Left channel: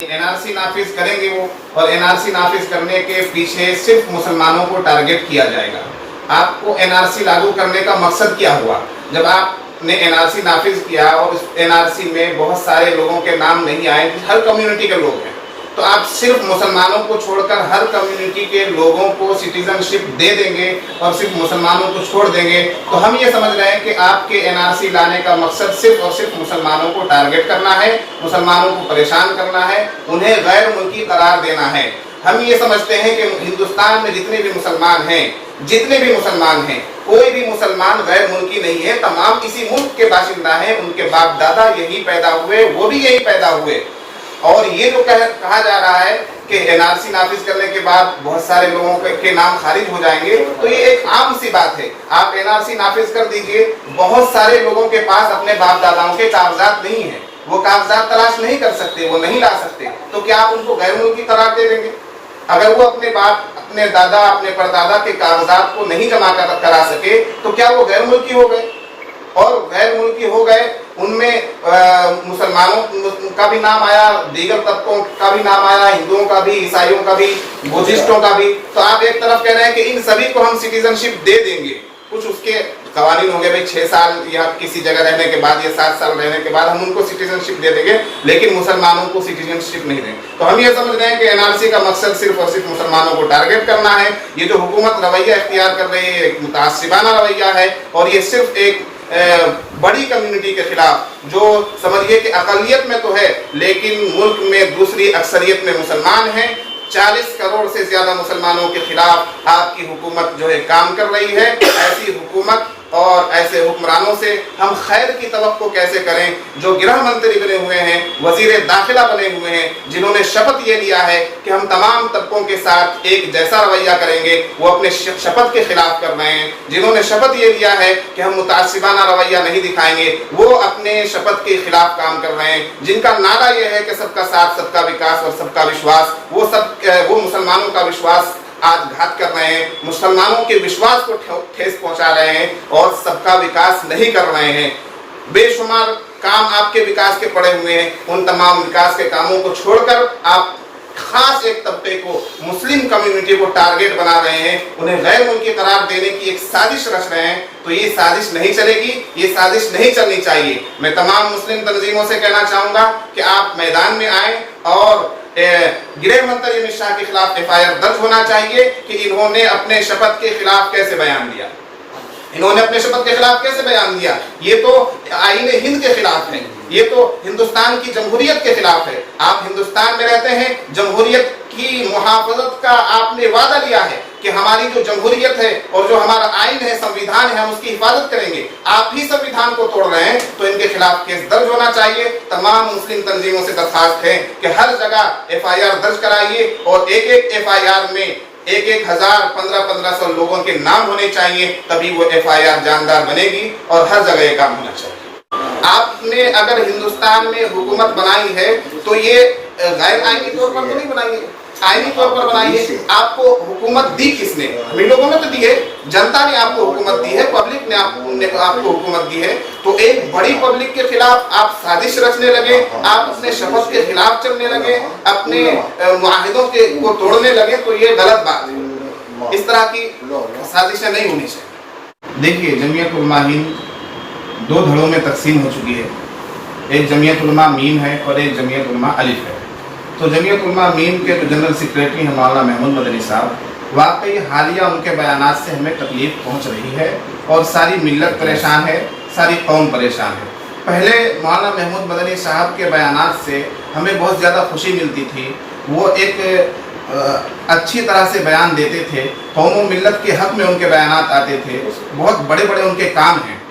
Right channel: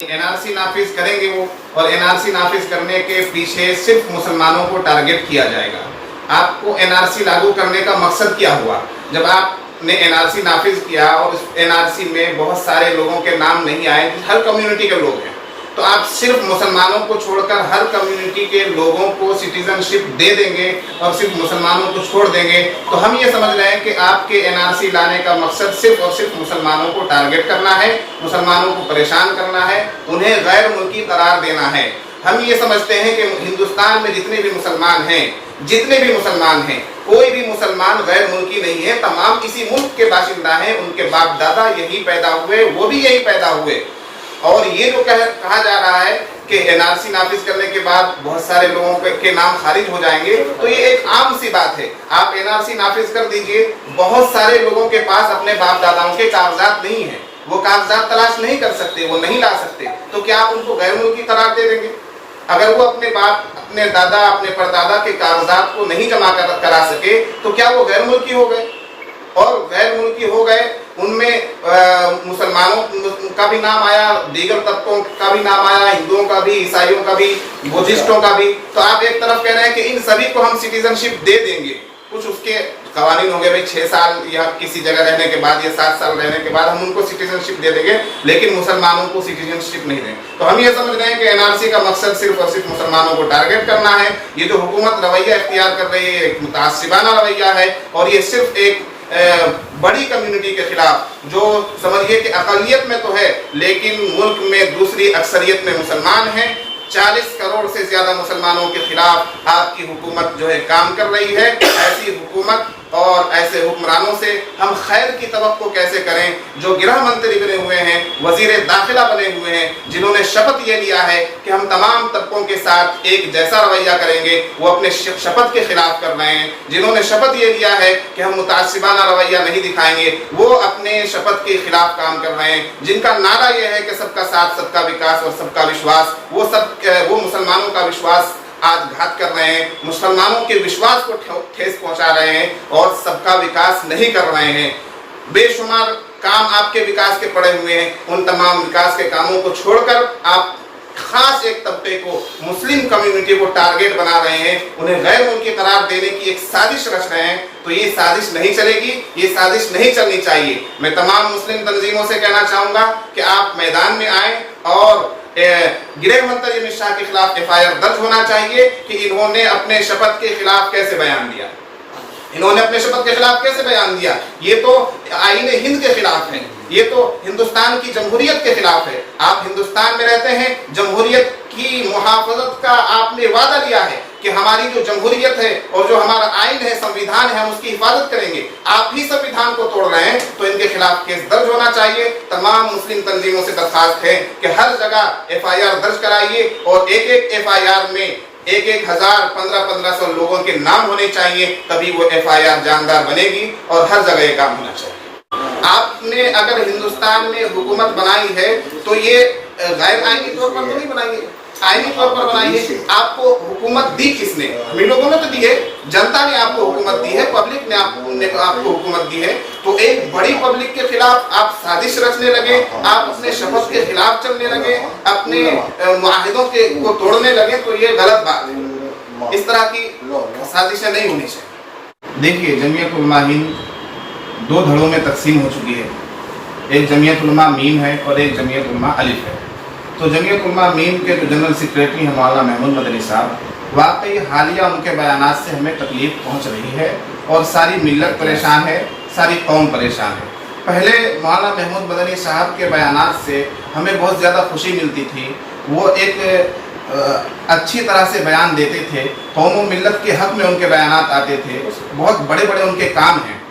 NRC नाफिज करेंगे वो, और एनआरसी नाफिज करने के पीछे सिर्फ मुसलमानों को टारगेट किया जाएगा। आपको एनआरसी लागू करने का मकसद क्या हुआ? जब आपने एनआरसी नाफिज किया और इस एनआरसी में बहुत सारे लोगों के नाम नहीं आए, हर कम्युनिटी के लोग हैं, तो आप सिर्फ मुसलमानों को छोड़कर हर कम्युनिटी के लोगों को सिटीजनशिप दे देंगे और सिर्फ मुसलमानों को छोड़ देंगे, तो हम ये समझ रहे हैं कि आपके एनआरसी लाने का मकसद सिर्फ और सिर्फ मुसलमानों को टारगेट करना है, मुसलमानों को परेशान करना है, उन्हें गैर मुल्की करार देना है। हम ये समझते हैं कि हिंदुस्तान में जितने भी मुसलमान हैं, कोई भी मुसलमान गैर मुल्की नहीं है, तमाम इसी मुल्क के बाशिंदा हैं, उनके बाप दादा यही पैदा हुए, वो भी यही पैदा हुए। और ये जो कहा जा रहा है कि एनआरसी नाफिज करने के बाद बहुत सारे लोगों के नाम खारिज हो जाएंगे, तो ये एक आम सी बात है। आप एनआरसी नाफिज कर दीजिए, बहुत सारे लोगों के पास अपने बाप दादाओं के कागजात नहीं है, वो कागजात तलाश नहीं कर सकते, वो नहीं ला सकते, तो क्या आप उनको गैर मुल्की करार दे देंगे? अगर वो अपने बाप, अपने दादा, अपने परदादा के कागजात को नहीं जमा करा सके, तो क्या वो गैर मुल्की हो गए? और गैर मुल्की हो गए, उनमें मुसलमानों का भी नाम आया, दीगर तबकों का भी नाम आया, हिंदुओं का भी, ईसाइयों का भी, बुद्धिस्टों का भी। तो आप एक तरफ कह रहे हैं कि इन सभी को हम सिटीजनशिप दे देंगे, कुछ उसके कवानीन हो गए, भाई 6 साल या किसी जगह रहने के बाद या 7 साल रहने के बाद हम उनको सिटीजनशिप दे देंगे, लेकिन मुसलमानों को सिटीजनशिप नहीं देंगे। तो हम ये समझ रहे हैं कि एनआरसी का मकसद सिर्फ और सिर्फ मुसलमानों को टारगेट करना है। ये जो हुकूमत रवैया इख्तियार कर रही है, एक मुतासिबाना रवैया है, और ये सिर्फ एक बड़ी कम्युनिटी के खिलाफ, जो समझिए कि अकलियत में तो है लेकिन मुल्क में दूसरी अक्सरियत में मुसलमान हैं, 40 करोड़ से ज्यादा मुसलमानों के खिलाफ आपकी हुकूमत जो है काम कर रही है। ऐसी हुकूमत और ऐसे हुक्मरानों से हम खैर की तवक्को कैसे करें, जो गृह मंत्री बने हुए हैं, वजीर दाखिला बने हुए हैं, जिन्होंने शपथ ये लिया है कि हम तमाम तबकों के साथ एक जैसा रवैया करेंगे, वो अपने शपथ के खिलाफ कर रहे हैं। जिन्होंने शपथ ये लिया है कि हम मुतासिबाना रवैया नहीं दिखाएंगे, वो अपने शपथ के खिलाफ काम कर रहे हैं। जिनका नारा ये है कि सबका साथ, सबका विकास और सबका विश्वास, वो मुसलमानों का विश्वास आज घात कर रहे हैं, मुसलमानों के विश्वास को ठेस पहुंचा रहे हैं और सबका विकास नहीं कर रहे हैं। बेशुमार काम आपके विकास के पड़े हुए हैं, उन तमाम विकास के कामों को छोड़कर आप खास एक तबके को, मुस्लिम कम्युनिटी को टारगेट बना रहे हैं, उन्हें गैर मुल्की करार देने की एक साजिश रच रहे हैं। तो ये साजिश नहीं चलेगी, ये साजिश नहीं चलनी चाहिए। मैं तमाम मुस्लिम तंजीमों से कहना चाहूंगा कि आप मैदान में आए और गृह मंत्री अमित शाह के खिलाफ एफआईआर दर्ज होना चाहिए कि इन्होंने अपने शपथ के खिलाफ कैसे बयान दिया, इन्होंने अपने शपथ के खिलाफ कैसे बयान दिया। ये तो आईन हिंद के खिलाफ है, ये तो हिंदुस्तान की जमहूरियत के खिलाफ है। आप हिंदुस्तान में रहते हैं, जमहूरियत की मुहाफजत का आपने वादा लिया है कि हमारी जो जमहूरियत है और जो हमारा आइन है, संविधान है, हम उसकी हिफाजत करेंगे। आप ही संविधान को तोड़ रहे हैं, तो इनके खिलाफ केस दर्ज होना चाहिए। तमाम मुस्लिम तंजीमों से दरख्वास्त है कि हर जगह एफआईआर दर्ज कराइए और एक एक एफआईआर में 1,000, 1500 लोगों के नाम होने चाहिए, तभी वो एफआईआर जानदार बनेगी और हर जगह काम होना चाहिए। आपने अगर हिंदुस्तान में हुकूमत बनाई है तो ये गैर आईनी तौर पर नहीं बनाई है, आईनी तौर पर बनाई है। आपको हुकूमत दी किसने? हम लोगों ने तो दी है, जनता ने आपको हुकूमत दी है, पब्लिक ने आपको हुकूमत दी है। तो एक बड़ी पब्लिक के खिलाफ आप साजिश रचने लगे, आप अपने शपथ के खिलाफ चलने लगे, अपने मुआहिदों को तोड़ने लगे, तो ये गलत बात है। इस तरह की साजिशें नहीं होनी चाहिए। देखिए, जमीयत उलमा हिंद 2 धड़ों में तकसीम हो चुकी है। एक जमीयत उलमा मीन है और एक जमीयत उलमा अलिफ है। तो जमीयत उलमा मीन के जो जनरल सेक्रेटरी हैं मौलाना महमूद मदनी साहब, वाकई हालिया उनके बयानात से हमें तकलीफ पहुंच रही है और सारी मिल्लत परेशान है, सारी कौम परेशान है। पहले मौलाना महमूद मदनी साहब के बयानात से हमें बहुत ज़्यादा खुशी मिलती थी। वो एक अच्छी तरह से बयान देते थे, कौम और मिल्लत के हक में उनके बयानात आते थे। बहुत बड़े बड़े उनके काम हैं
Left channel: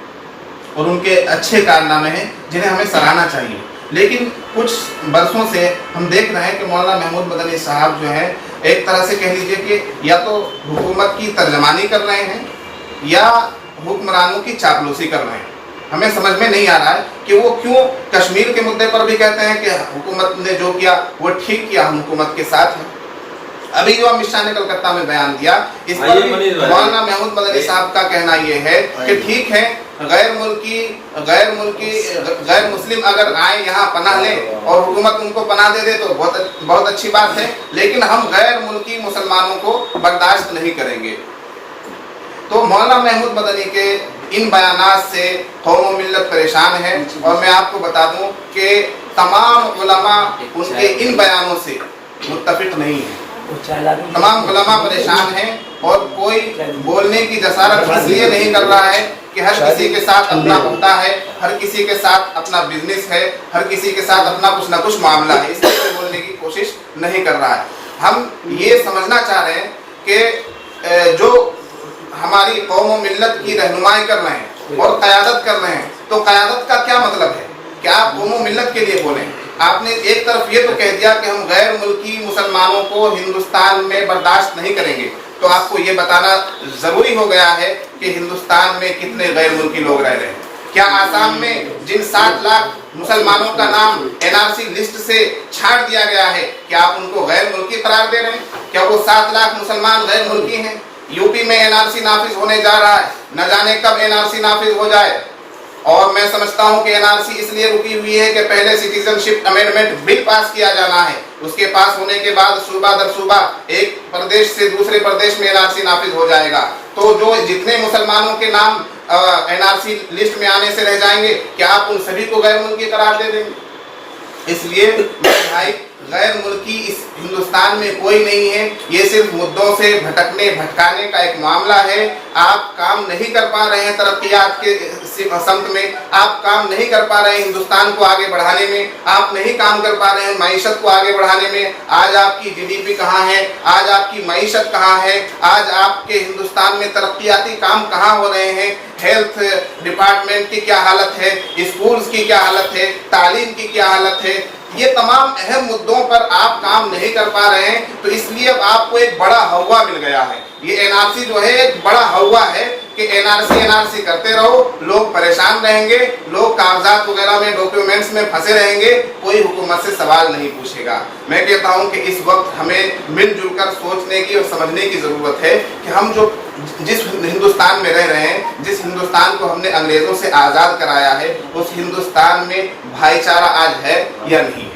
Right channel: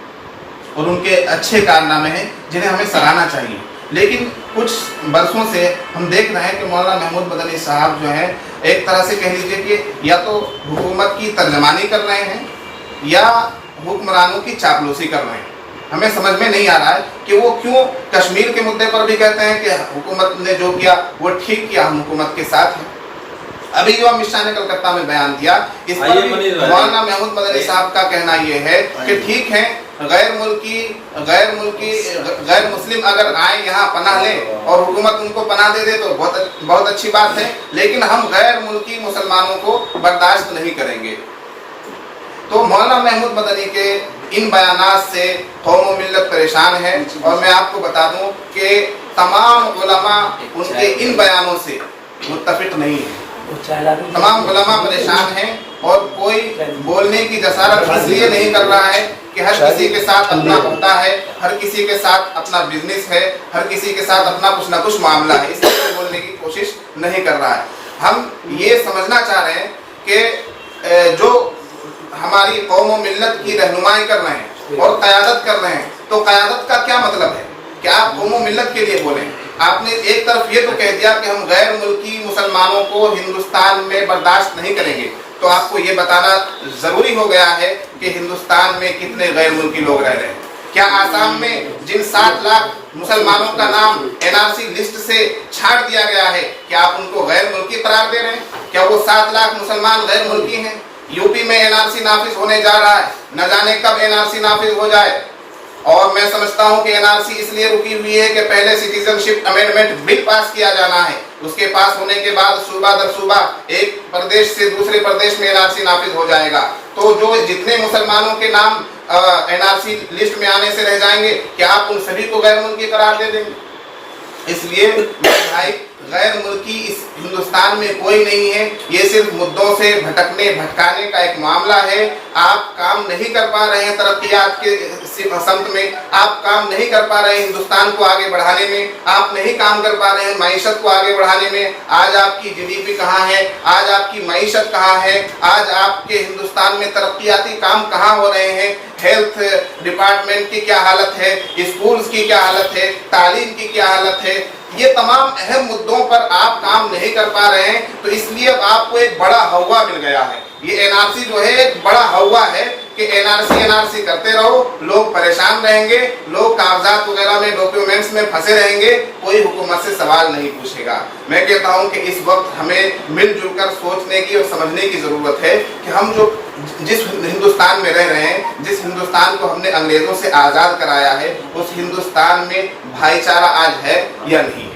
और उनके अच्छे कारनामे हैं जिन्हें हमें सराहना चाहिए। लेकिन कुछ बरसों से हम देख रहे हैं कि मौलाना महमूद मदनी साहब जो है, एक तरह से कह लीजिए कि या तो हुकूमत की तर्जमानी कर रहे हैं या हुक्मरानों की चापलूसी कर रहे हैं। हमें समझ में नहीं आ रहा है कि वो क्यों कश्मीर के मुद्दे पर भी कहते हैं कि हुकूमत ने जो किया वो ठीक किया, हम हुकूमत के साथ हैं। अभी जो अमित शाह ने कलकत्ता में बयान दिया, इस पर मौलाना महमूद मदनी साहब का कहना ये है कि ठीक है, غیر مسلم اگر آئے یہاں پناہ لیں اور حکومت ان کو پناہ دے دے تو بہت اچھی بات ہے، لیکن ہم غیر ملکی مسلمانوں کو برداشت نہیں کریں گے۔ تو مولانا محمود مدنی کے ان بیانات سے قوم و ملت پریشان ہے، اور میں آپ کو بتا دوں کہ تمام علماء ان کے ان بیانوں سے متفق نہیں ہیں۔ تمام علماء پریشان ہیں، اور کوئی بولنے کی جسارت اس لیے نہیں کر رہا ہے کہ ہر کسی کے ساتھ اپنا ہوتا ہے، ہر کسی کے ساتھ اپنا بزنس ہے، ہر کسی کے ساتھ اپنا کچھ نہ کچھ معاملہ ہے، اس لیے بولنے کی کوشش نہیں کر رہا ہے۔ ہم یہ سمجھنا چاہ رہے ہیں کہ جو ہماری قوم و ملت کی رہنمائی کر رہے ہیں اور قیادت کر رہے ہیں، تو قیادت کا کیا مطلب ہے کہ آپ قوم و ملت کے لیے بولیں؟ آپ نے ایک طرف یہ تو کہہ دیا کہ ہم غیر ملکی مسلمانوں کو ہندوستان میں برداشت نہیں کریں گے، تو آپ کو یہ بتانا ضروری ہو گیا ہے کہ ہندوستان میں کتنے غیر ملکی لوگ رہ رہے ہیں۔ کیا آسام میں جن 7 لاکھ مسلمانوں کا نام NRC لسٹ سے چھاٹ دیا گیا ہے، کیا آپ ان کو غیر ملکی قرار دے رہے ہیں؟ کیا وہ 7 لاکھ مسلمان غیر ملکی ہیں؟ یو پی میں NRC نافذ ہونے جا رہا ہے، نہ جانے کب NRC نافذ ہو جائے، اور میں سمجھتا ہوں کہ NRC اس لیے رکی ہوئی ہے کہ پہلے سٹیزن شپ امینڈمنٹ بل پاس کیا جانا ہے، اس کے پاس ہونے کے بعد صوبہ در صوبہ ایک پردیش سے دوسرے پردیش میں NRC نافذ ہو جائے گا، تو جو جتنے مسلمانوں کے نام NRC لسٹ میں آنے سے رہ جائیں گے، کیا آپ ان سبھی کو غیر ملکی قرار دے دیں گے؟ اس لیے میرے بھائی، غیر ملکی اس ہندوستان میں کوئی نہیں ہے، یہ صرف مدعوں سے بھٹکانے کا ایک معاملہ ہے۔ آپ کام نہیں کر پا رہے ہیں ترقیات کے سمت میں، آپ کام نہیں کر پا رہے ہیں ہندوستان کو آگے بڑھانے میں، آپ نہیں کام کر پا رہے ہیں معیشت کو آگے بڑھانے میں۔ آج آپ کی GDP کہاں ہے؟ آج آپ کی معیشت کہاں ہے؟ آج آپ کے ہندوستان میں ترقیاتی کام کہاں ہو رہے ہیں؟ ہیلتھ ڈپارٹمنٹ کی کیا حالت ہے؟ اسکولز کی کیا حالت ہے؟ تعلیم کی کیا حالت ہے؟ یہ تمام اہم مدعوں پر آپ کام نہیں کر پا رہے ہیں، تو اس لیے اب آپ کو ایک بڑا ہوا مل گیا ہے۔ یہ NRC جو ہے ایک بڑا ہوا ہے کہ NRC کرتے رہو، لوگ پریشان رہیں گے، لوگ کاغذات وغیرہ میں ڈاکیومنٹس میں پھنسے رہیں گے، کوئی حکومت سے سوال نہیں پوچھے گا۔ میں کہتا ہوں کہ اس وقت ہمیں مل جل کر سوچنے کی اور سمجھنے کی ضرورت ہے کہ ہم جس ہندوستان میں رہ رہے ہیں، جس ہندوستان کو ہم نے انگریزوں سے آزاد کرایا ہے، اس ہندوستان میں بھائی چارہ آج ہے یا نہیں؟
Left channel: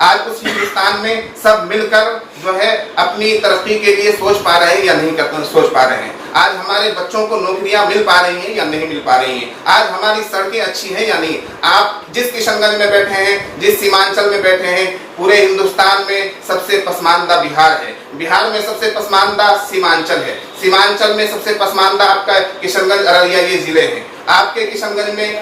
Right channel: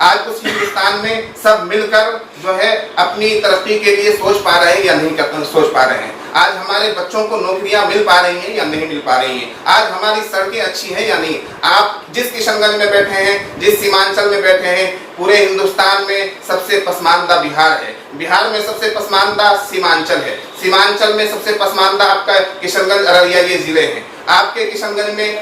آج اس ہندوستان میں سب مل کر جو ہے اپنی ترقی کے لیے سوچ پا رہے ہیں یا نہیں سوچ پا رہے ہیں؟ آج ہمارے بچوں کو نوکریاں مل پا رہی ہیں یا نہیں مل پا رہی ہیں؟ آج ہماری سڑکیں اچھی ہیں یا نہیں؟ آپ جس کشن گنج میں بیٹھے ہیں، جس سیمانچل میں بیٹھے ہیں، پورے ہندوستان میں سب سے پسماندہ بہار ہے، بہار میں سب سے پسماندہ سیمانچل ہے، سیمانچل میں سب سے پسماندہ آپ کا کشن گنج ارریہ یہ ضلع ہیں۔ آپ کے کشن گنج میں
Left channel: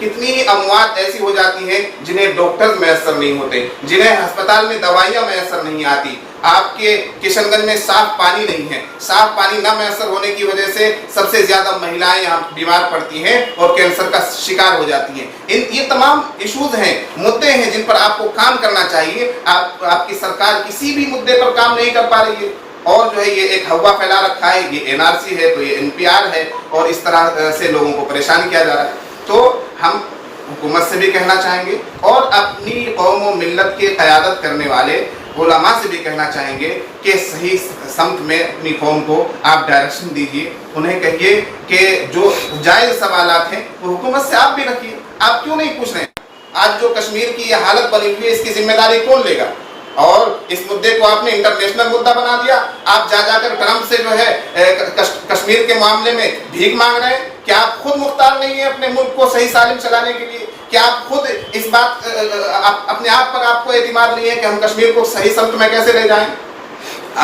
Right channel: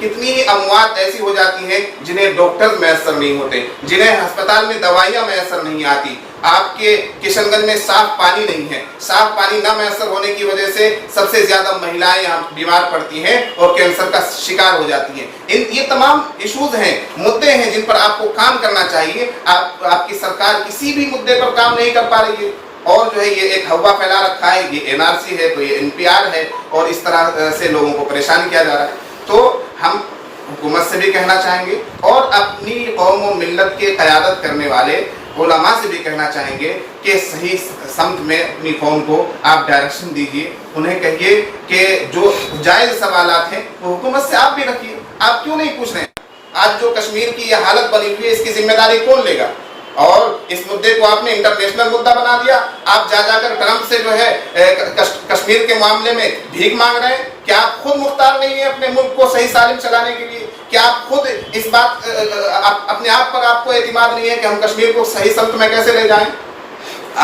کتنی اموات ایسی ہو جاتی ہیں جنہیں ڈاکٹر میسر نہیں ہوتے، جنہیں ہسپتال میں دوائیاں میسر نہیں آتی۔ آپ کے کشن گنج میں صاف پانی نہیں ہے، صاف پانی نہ میسر ہونے کی وجہ سے سب سے زیادہ مہیلائیں یہاں بیمار پڑتی ہیں اور کینسر کا شکار ہو جاتی ہیں۔ یہ تمام ایشوز ہیں، مدعے ہیں جن پر آپ کو کام کرنا چاہیے۔ آپ کی سرکار کسی بھی مدعے پر کام نہیں کر پا رہی ہے، اور جو ہے یہ ایک ہوا پھیلا رکھا ہے، یہ NRC ہے تو یہ NPR ہے، اور اس طرح سے لوگوں کو پریشان کیا جا رہا ہے۔ تو ہم حکومت سے بھی کہنا چاہیں گے اور اپنی قوم و ملت کے قیادت کرنے والے علماء سے بھی کہنا چاہیں گے کہ صحیح سمت میں اپنی قوم کو آپ ڈائریکشن دیجیے، انہیں کہیے کہ جو جائز سوالات ہیں وہ حکومت سے آپ بھی رکھیے۔ آپ کیوں نہیں پوچھ رہے ہیں؟ آج جو کشمیر کی یہ حالت بنی ہوئی ہے، اس کی ذمہ داری کون لے گا؟ اور اس مدعے کو آپ نے انٹرنیشنل مدعا بنا دیا، آپ جا کر ٹرمپ سے جو ہے کشمیر کے معاملے میں بھیک مانگ رہے ہیں۔ کیا آپ خود مختار نہیں ہیں اپنے ملک کو صحیح سالم چلانے کے لیے؟ کیا آپ خود اس بات اپنے آپ پر آپ کو اعتماد نہیں ہے کہ ہم کشمیر کو صحیح سمت میں کیسے لے جائیں؟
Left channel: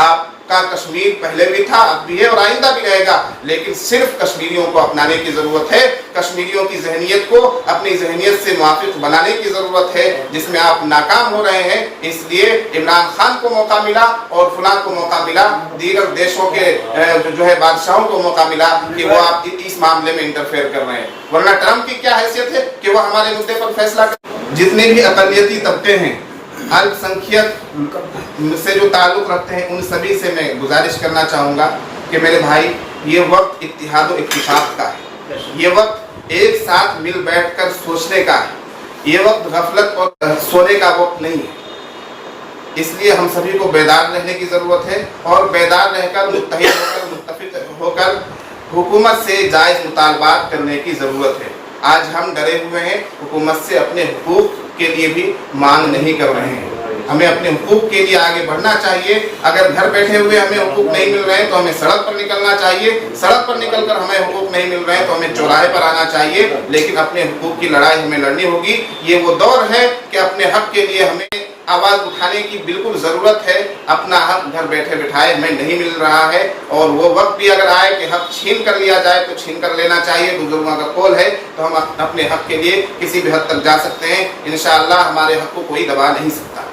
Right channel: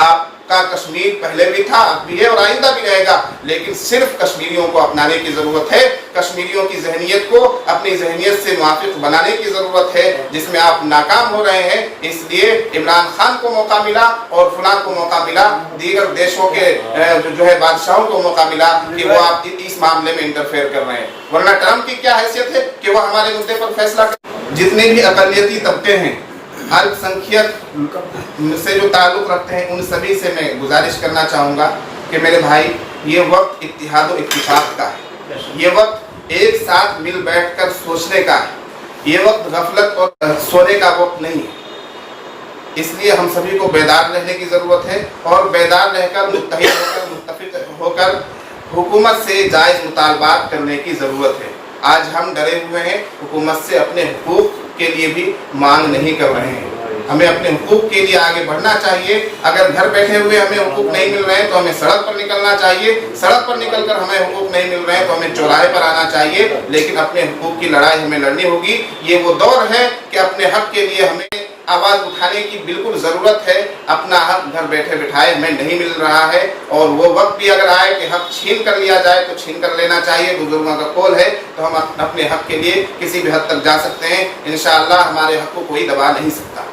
آپ کا کشمیر پہلے بھی تھا، اب بھی ہے اور آئندہ بھی رہے گا، لیکن صرف کشمیریوں کو اپنانے کی ضرورت ہے، کشمیریوں کی ذہنیت کو اپنی ذہنیت سے موافق بنانے کی ضرورت ہے، جس میں آپ ناکام ہو رہے ہیں۔ اس لیے عمران خان کو موقع ملا اور فلاں کو موقع ملا، دیگر دیشوں کے جو ہے بادشاہوں کو موقع ملا کہ وہ آپ اس معاملے میں انٹرفیئر کر رہے ہیں، ورنہ ٹرمپ کی کیا حیثیت ہے کہ وہ ہمارے مدعے پر فیصلہ کریں؟ جتنے بھی اقلیتی طبقے ہیں، الپ سنکھیک سے جو تعلق رکھتے ہیں، ان سبھی سے میں گزارش کرنا چاہوں گا کہ میرے بھائی، یہ وقت اتحاد و اتفاق کا ہے، یہ وقت ایک ساتھ مل بیٹھ کر سوچنے کا ہے، یہ وقت غفلت اور سونے کا وقت نہیں ہے۔ اس لیے ہم سبھی کو بیدار رہنے کی ضرورت ہے، اور بیدار رہ کر متحد ہو کر متفق ہو کر हुकूमत से जायज मुतालबात करने की जरूरत है। आज हम डरे हुए हैं, हुकूमत से अपने हुकूक के लिए भी मांग नहीं कर रहे हैं। हमें अपने हुकूक के लिए आगे बढ़ना चाहिए। अगर घर बैठे हुए हमें हुकूक नहीं मिल रहे हैं तो हमें सड़क पर निकलना चाहिए। सड़क पर निकलकर हमें हुकूक नहीं मिल रहे हैं तो हमें चौराहे पर आना चाहिए, लेकिन अपने हुकूक की लड़ाई हमें लड़नी होगी। ये वो दौर है कि अपने हक के लिए हमें आवाज उठाने की बिल्कुल जरूरत है। अपना हक घर बैठे बिठाए हमें नहीं मिल रहा है, और वो वक्त भी अगर आए कि हक छीन कर लिया जाए तो छीन कर लेना चाहिए। बुजुर्गों का कौल है, तो हम अपने हक के लिए किसी भी हद तक जा सकते हैं। इंशाअल्लाह हमारे हक को कोई दबा नहीं सकता।